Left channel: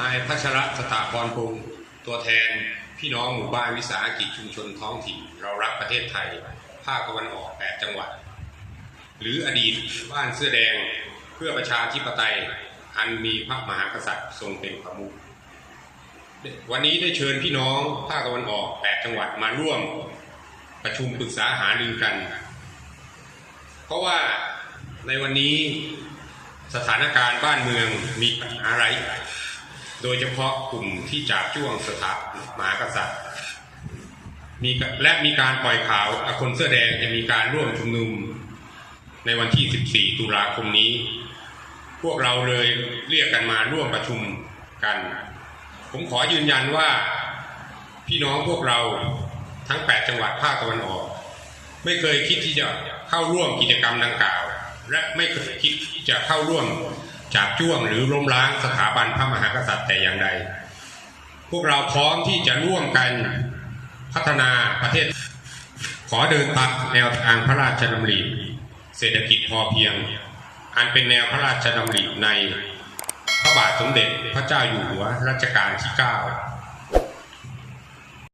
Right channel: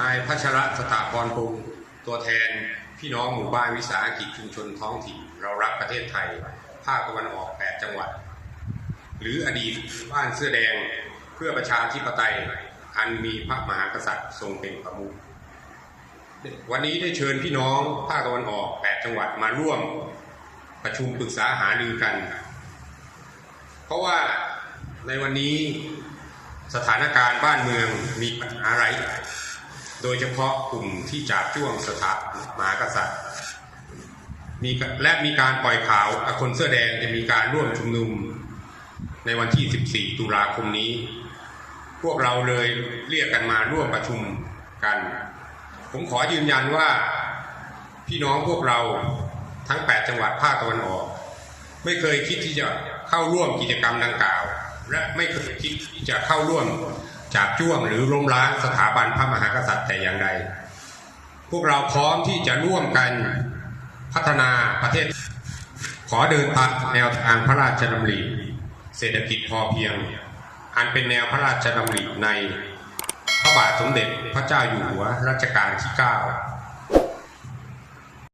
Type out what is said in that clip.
นายพัชระสถาพรพงศ์ตัวแทนพี่น้องหมู่บ้านวิสาหกิจชุมชนท้องถิ่น เรารักประเทศไทย ภาคตะวันออก 8 จังหวัด หรืออดีตบ้านเสื้อแดงเพื่อประชาธิปไตย อันมีพระมหากษัตริย์ทรงเป็นประมุขวันนี้ได้เชิญพี่น้องภาคตะวันออก 8 จังหวัดมาร่วมประชุมปรึกษาหารือกัน เพราะว่าในวันนี้สถานการณ์บ้านเมืองมีปัญหาอย่าง โดยเฉพาะกลุ่มที่จับจ้วงสถาบันมหากษัตริย์มีและมีการปล่อยข่าวคนเสื้อแดงจะมีการร่วมชุมนุมในวันที่ 14 ตุลาคมนี้ พวกเราเลยเรียกกันมาร่วมประชุมกัน ผมขอยืนยันว่าพี่น้องพวกเราทั้ง 8 จังหวัดภาคตะวันออก ไม่เคยคิดที่จะเข้าร่วมกิจกรรมดังกล่าว และไม่เคยคิดที่จะเข้าร่วม จับจ้วงหรือล้มล้างสถาบันพระมหากษัตริย์แต่อย่างใด พวกเราพร้อมที่จะร่วมกันพัฒนาประเทศ ขอเดินตามแนวทางพระราชดำริเศรษฐกิจพอเพียง อันเป็นแนวพระราชดำริใน พระบาทสมเด็จพระเจ้าอยู่หัวรัชกาลที่ 9